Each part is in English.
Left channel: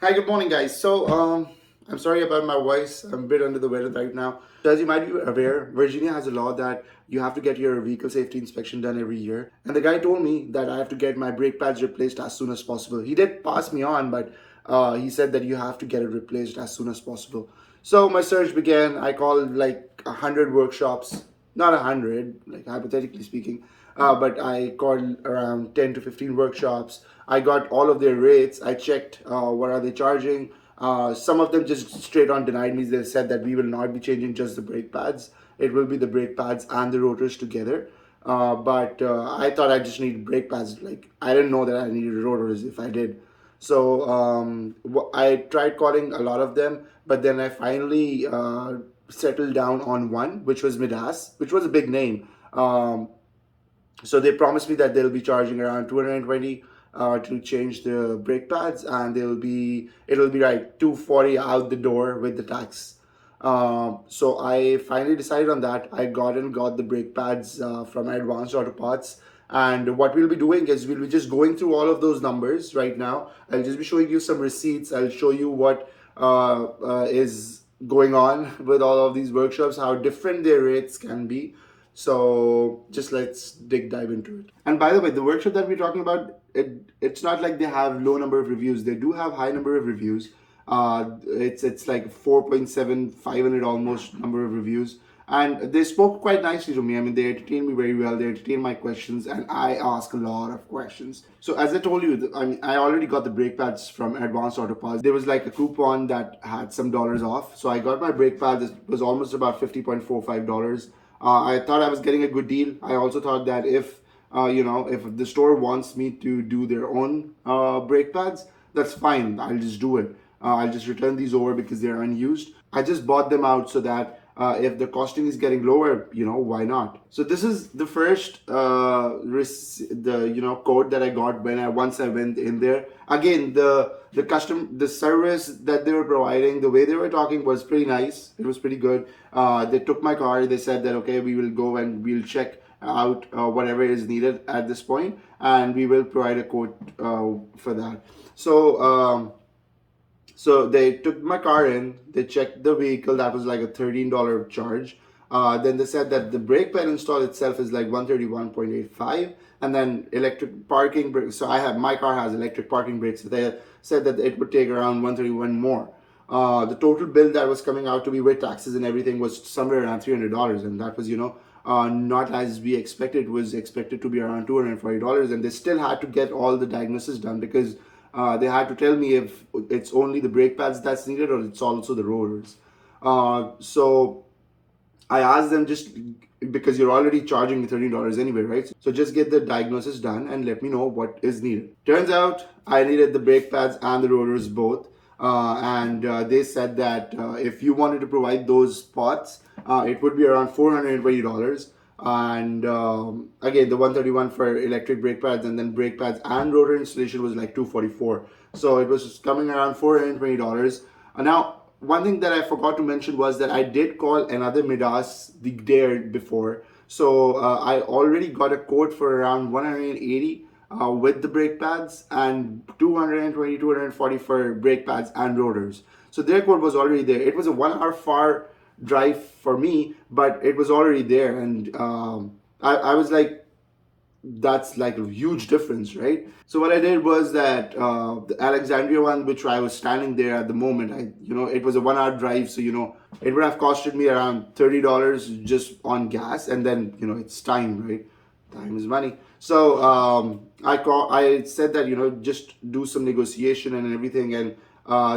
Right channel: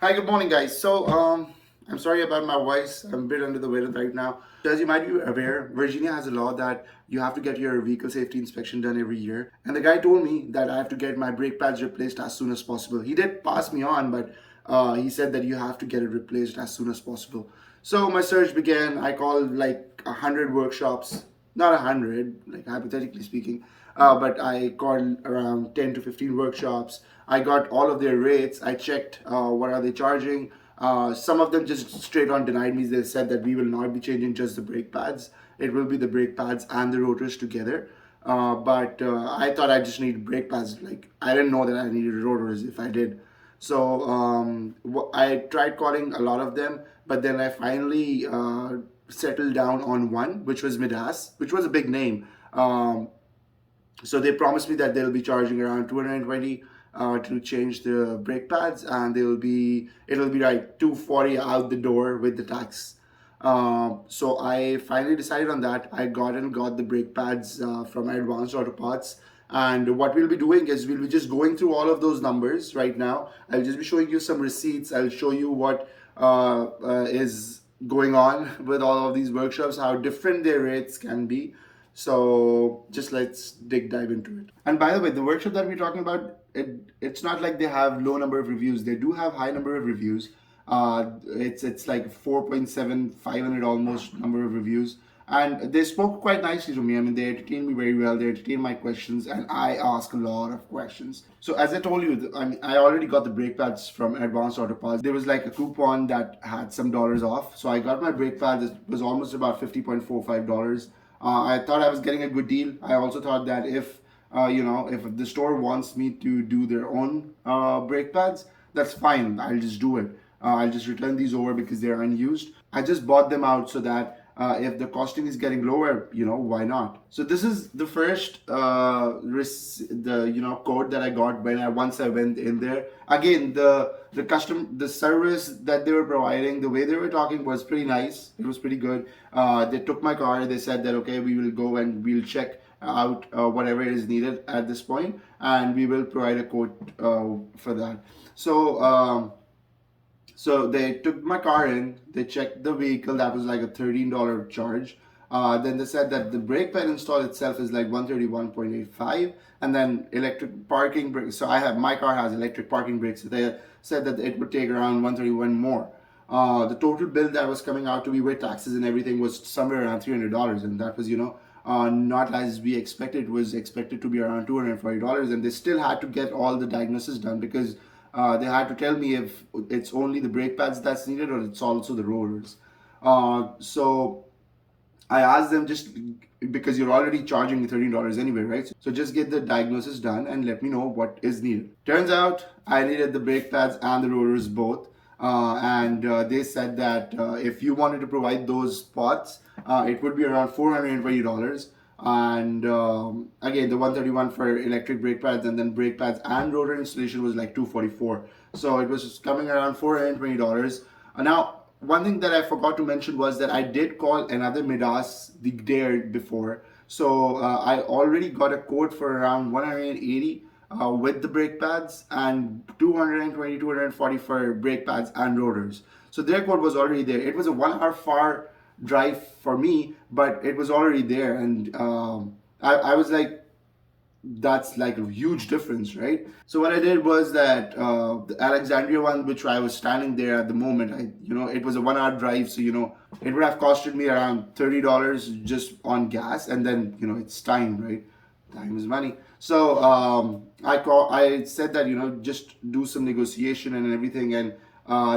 Hi, good morning, guys. I'm sorry about my voice. I'm a bit under the weather right now. So, as you might be aware, Virginia has a law that you have to get your vehicle safety inspection done every year. And the guy told me that I have to get my brake pads replaced as soon as possible. He did pass me on, but he said that you have to get it replaced as soon as possible. So my search began. I called like 100 workshops, not 100, like hypothetically speaking, but I called around 10 to 15 workshops. I got all of their rates. I checked what are they charging. Some of them just straight on denied me. They said that we will not be changing just the brake pads. It will be the brake pads and the rotors together. But I thought I just needed brake pads. Like I didn't know that I needed rotors if I did. I tried calling a lot of them, but then I finally settled down on one, which was MIDAS, which was a big name. So they promised me that they'll be charging around 220 to change the brake pads, and it'll be like 240 out the door with the tax. So I finally decided on that. I got the brake pads from Advanced Auto Parts. And what we'll be doing is we'll be just going through all of those numbers right now. I'll just be showing you some receipts. I'll show you what is going on with all of these workshops, how different their rates can be. So just let's dive into it. And by the way, the workshop that we're talking about, it's not like they have low number of reviews. They do have high number of reviews. It's like 4.7, 500 almost number of reviews. And they spoke quite nicely to me. I mean, they entertained me very well. They entertained my questions, and I ask a lot of questions. So as I told you, I already got the brake pads from Advanced Auto Parts. There was like a coupon that had some dollars off. So I got my brake pads. It was almost about $50.45. I thought I was getting a good deal. I also thought that if if the store wants me to do their own brake pads, that's fine. I'll just do it. I'll just return these over because they're unused. I just bought them out so that if the costing is getting lower, why not? So this is the first code that I got once I went in there. Again, the service that they were providing, the way they were talking was pretty nice. It was pretty good. They took my car. They said that okay, we will go and we'll check out whatever is needed at this point, and we will provide a quote for that. So they took my car in, they checked the vehicle, that was like a $13 charge. Then they said that the brake pad install itself is like 131.85, and then electric parking brakes. So my car has electric parking brakes. So they said that it would take around 131 more. The total bill that was coming out to me with taxes and everything was somewhere around $300, and that was not as we expected. It was expected to be around $240, and they still had to get all the diagnosis done because they had to tell me if it's only the brake pads that's needed or it's also the rotors. So I asked them, just because you're already charging me $13 anyway, right? So just get the diagnosis done and let me know what is needed. Turns out I needed the brake pads and the rotors both. And they said that if you wanted to provide those parts, it would be around $420. And again, the 131 for electric brake pads, and then brake pads and rotor installation was like 244. So it was coming around $420. Now, one thing that I forgot to mention was that I did call another MIDAS the day before. So I already got a quote for around 180 with the brake pads, and 220, 240 for brake pads and rotors. So their quote was already there. It was a 1 hour far drive for me, but it was already there. And I was like, that's like a huge difference, right? So what I did was that the Alexandria one, which I was standing there at the moment, it was a 1 hour drive, so it would have costed me around $30 just on gas, and then it's time, right? Time is money. So I said that just do some negotiation and everything, and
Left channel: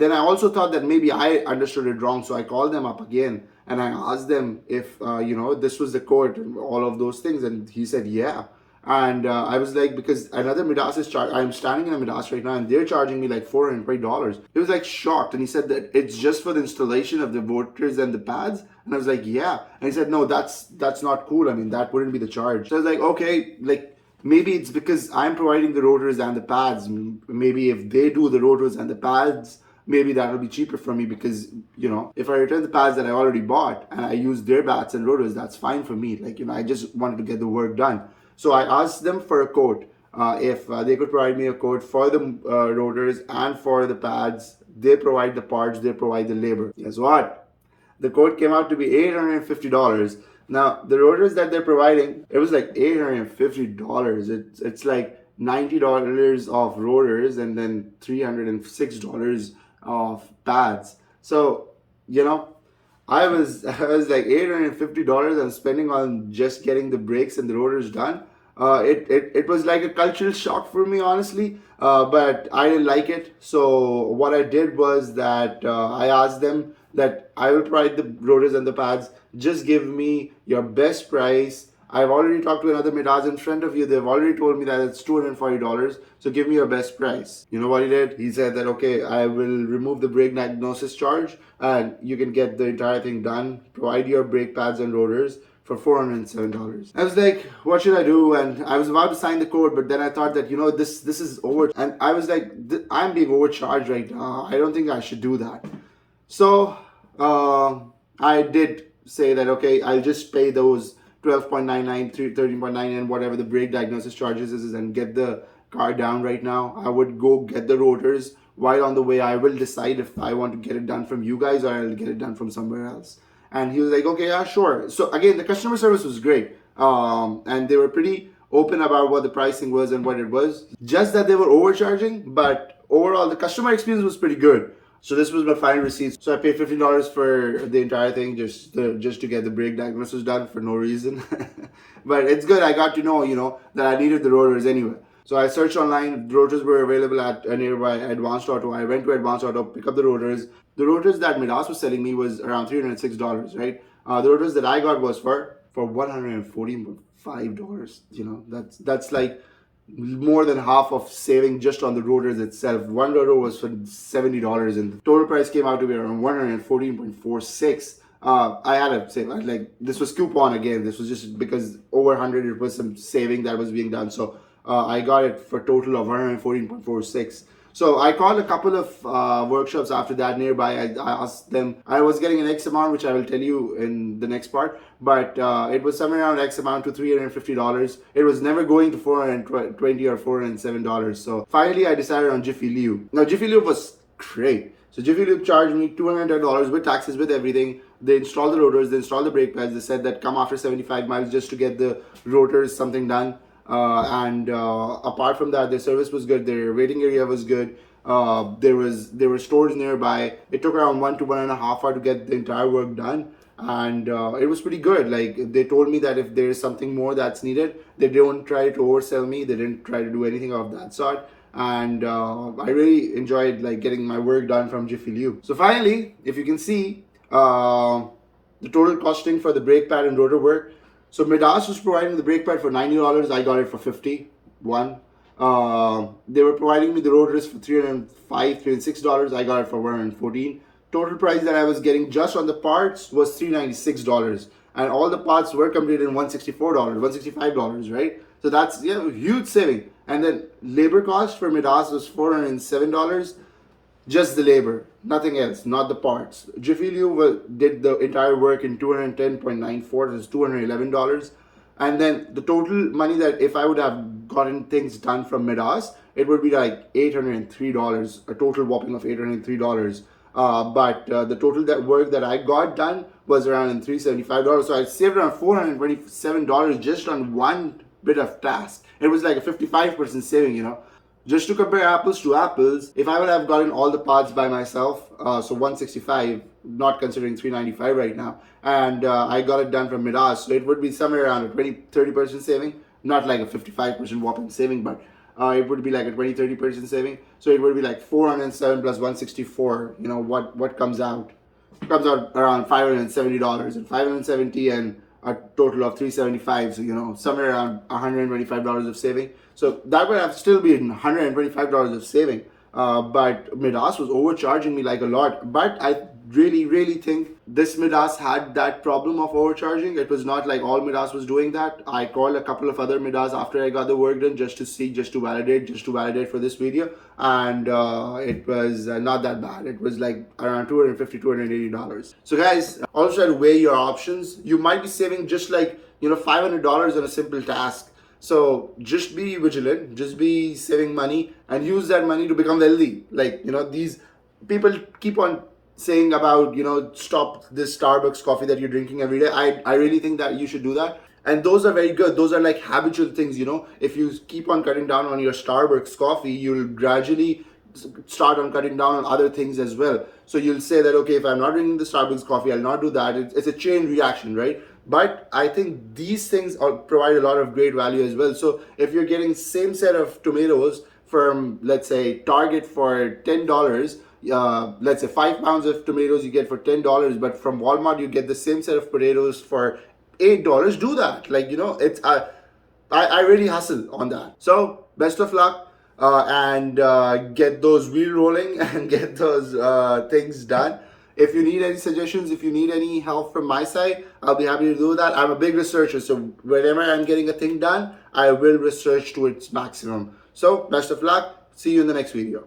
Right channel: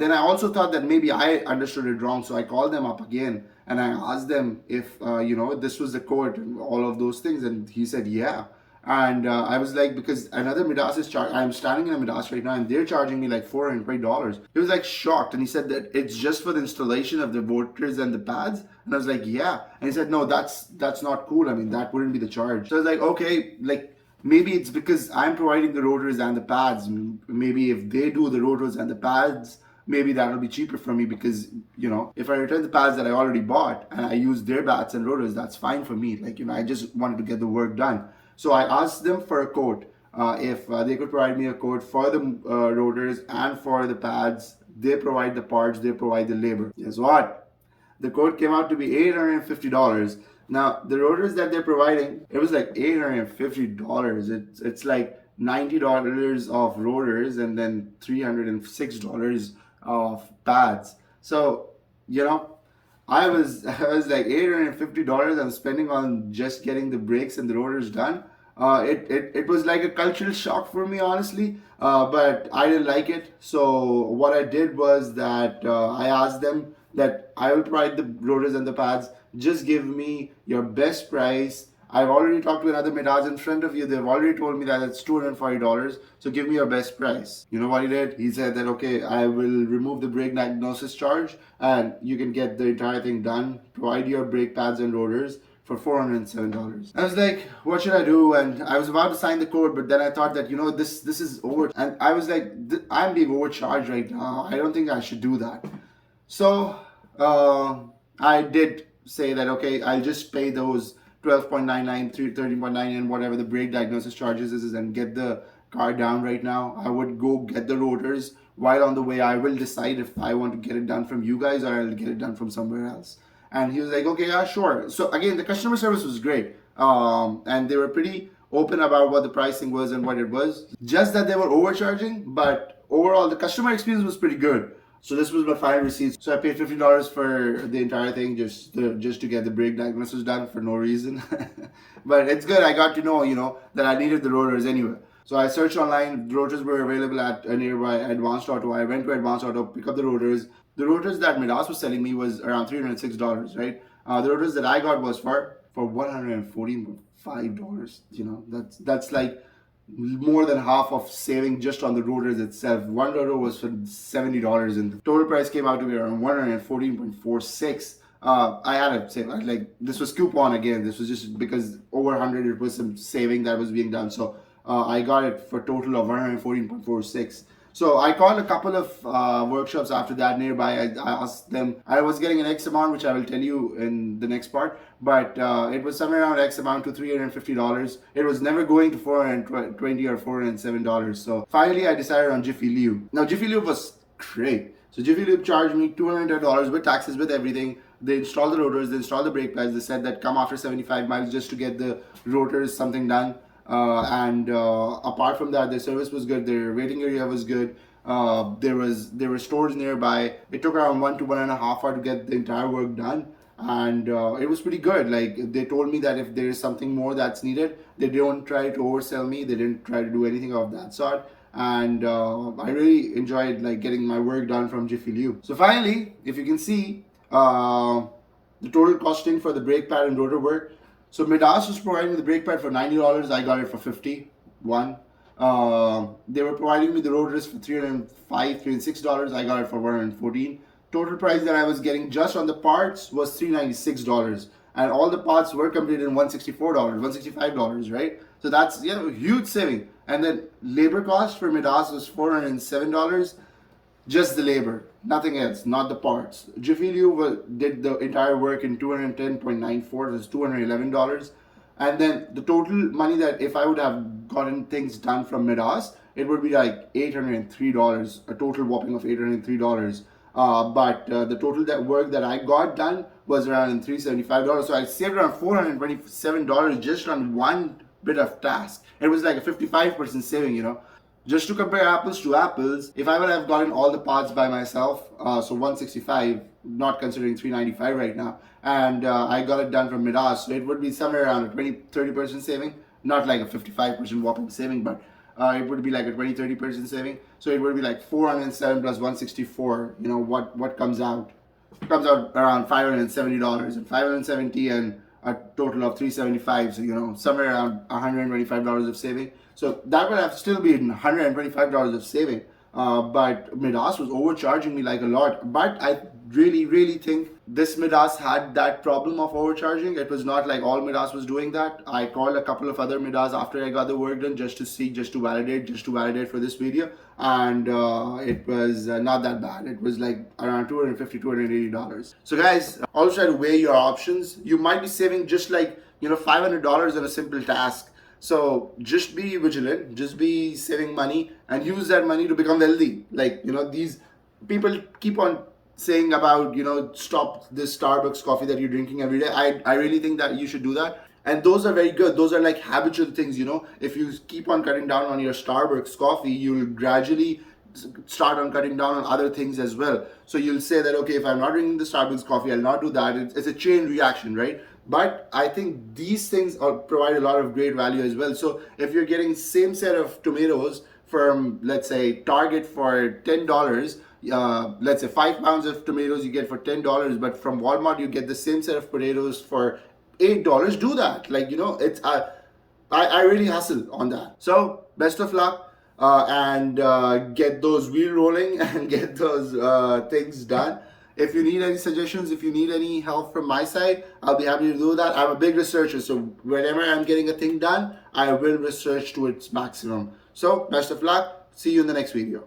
then I also thought that maybe I understood it wrong, so I called them up again and I asked them if this was the code and all of those things, and he said yeah. And I was like, because another MIDAS is I'm standing in a MIDAS right now, and they're charging me like $420. He was like shocked, and he said that it's just for the installation of the rotors and the pads. And I was like, yeah. And he said, no, that's not cool. I mean, that wouldn't be the charge. So I was like, okay, like maybe it's because I'm providing the rotors and the pads. Maybe if they do the rotors and the pads, maybe that'll be cheaper for me, because if I return the pads that I already bought and I use their bats and rotors, that's fine for me. Like I just wanted to get the work done. So I asked them for a quote. if they could provide me a quote for the rotors and for the pads. They provide the parts, they provide the labor. Guess what? The quote came out to be $850. Now, the rotors that they're providing, it was like $850. It's like $90 of rotors and then $306 of pads. So, you know, I was like $850 I'm spending on just getting the brakes and the rotors done. It was like a cultural shock for me, honestly, but I didn't like it. So what I did was that I asked them that I will provide the rotors and the pads. Just give me your best price. I've already talked to another MIDAS in front of you. They've already told me that it's $240. So give me your best price. You know what he did? He said that, okay, I will remove the brake diagnosis charge and you can get the entire thing done. Provide your brake pads and rotors for $407. I was like, what should I do? And I was about to sign the code, but then I thought that, this is over. And I was like, I'm being overcharged right now. I don't think I should do that. So I did say that, okay, I'll just pay those 12.99, 13.99, whatever the brake diagnosis charges is, and get the car down right now. I would go get the rotors. While on the way, I will decide if I want to get it done from you guys or I'll get it done from somewhere else. And he was like, okay, yeah, sure. So again, the customer service was great. And they were pretty open about what the pricing was and what it was. Just that they were overcharging, but overall, the customer experience was pretty good. So this was my final receipt. So I paid $50 for the entire thing just to get the brake diagnosis done for no reason. But it's good. I got to know, that I needed the rotors anyway. So I searched online. The rotors were available at a nearby Advanced Auto. I went to Advanced Auto, pick up the rotors. The rotors that MIDAS was selling me was around $306, right? The rotors that I got was for $114.5. That's like more than half of saving just on the rotors itself. One rotor was for $70 and the total price came out to be around $114.46. I had to say, like, this was coupon again. This was just because over 100 it was some saving that was being done. So I got it for a total of $114.46. So I called a couple of workshops after that nearby. I asked them, I was getting an X amount, which I will tell you in the next part, but it was somewhere around X amount to $350. It was never going to $420 or $407. So finally I decided on Jiffy Lube. Now Jiffy Lube was great. So Jiffy Lube charged me $210 with taxes, with everything. They installed the rotors, they installed the brake pads. They said that come after 75 miles just to get the rotors something done. Apart from that, their service was good. Their waiting area was good. There were stores nearby. It took around 1 to 1.5 hours to get the entire work done, and it was pretty good. Like, they told me that if there is something more that's needed, they don't try to oversell me. They didn't try to do anything of that sort. And I really enjoyed like getting my work done from Jiffy Lube. So finally, if you can see, the total costing for the brake pad and rotor work. So MIDAS was providing the brake pad for $90. I got it for $51. They were providing me the rotors for $305, $306. I got it for $114. Total price that I was getting just on the parts was $396. And all the parts were completed in $164, $165, right? So that's a huge saving. And then labor cost for MIDAS was $407. Just the labor, nothing else, not the parts. Jiffy Lube did the entire work in $210.94, it was $211. And then the total money that if I would have gotten things done from MIDAS, it would be like $803, a total whopping of $803. But the total work that I got done was around $375. So I saved around $427 just on one bit of task. It was like a 55% saving, Just to compare apples to apples, if I would have gotten all the parts by myself, so $165, not considering $395 right now, and I got it done from MIDAS, so it would be somewhere around a 20-30% saving, not like a 55% whopping saving, but it would be like a 20-30% saving. So it would be like 407 plus 164. What comes out? It comes out around $570, and $570 and a total of $375. So somewhere around $125 of saving. So that would have still been $125 of saving. But MIDAS was overcharging me like a lot. But I really think this MIDAS had that problem of overcharging. It was not like all MIDAS was doing that. I called a couple of other MIDAS after I got the work done just to validate for this video. And it was not that bad. It was like around $250, $280. So guys, always try to weigh your options. You might be saving just like $500 on a simple task. So just be vigilant, just be saving money and use that money to become wealthy. Like, these people keep on saying about, stop this Starbucks coffee that you're drinking every day. I really think that you should do that. And those are very good. Those are like habitual things, If you keep on cutting down on your Starbucks coffee, you'll gradually start on cutting down on other things as well. So you'll say that, okay, if I'm not drinking the Starbucks coffee, I'll not do that. It's a chain reaction, right? But I think these things provide a lot of great value as well. So if you're getting same set of tomatoes from, let's say, Target for $10, let's say 5 pounds of tomatoes you get for $10, but from Walmart you get the same set of potatoes for $8. Do that. Like, it's I really hustle on that. So best of luck, and get those wheel rolling and get those things done. If you need any suggestions, if you need any help from my side, I'll be happy to do that. I'm a big researcher, so whenever I'm getting a thing done, I will research to its maximum. So best of luck. See you in the next video.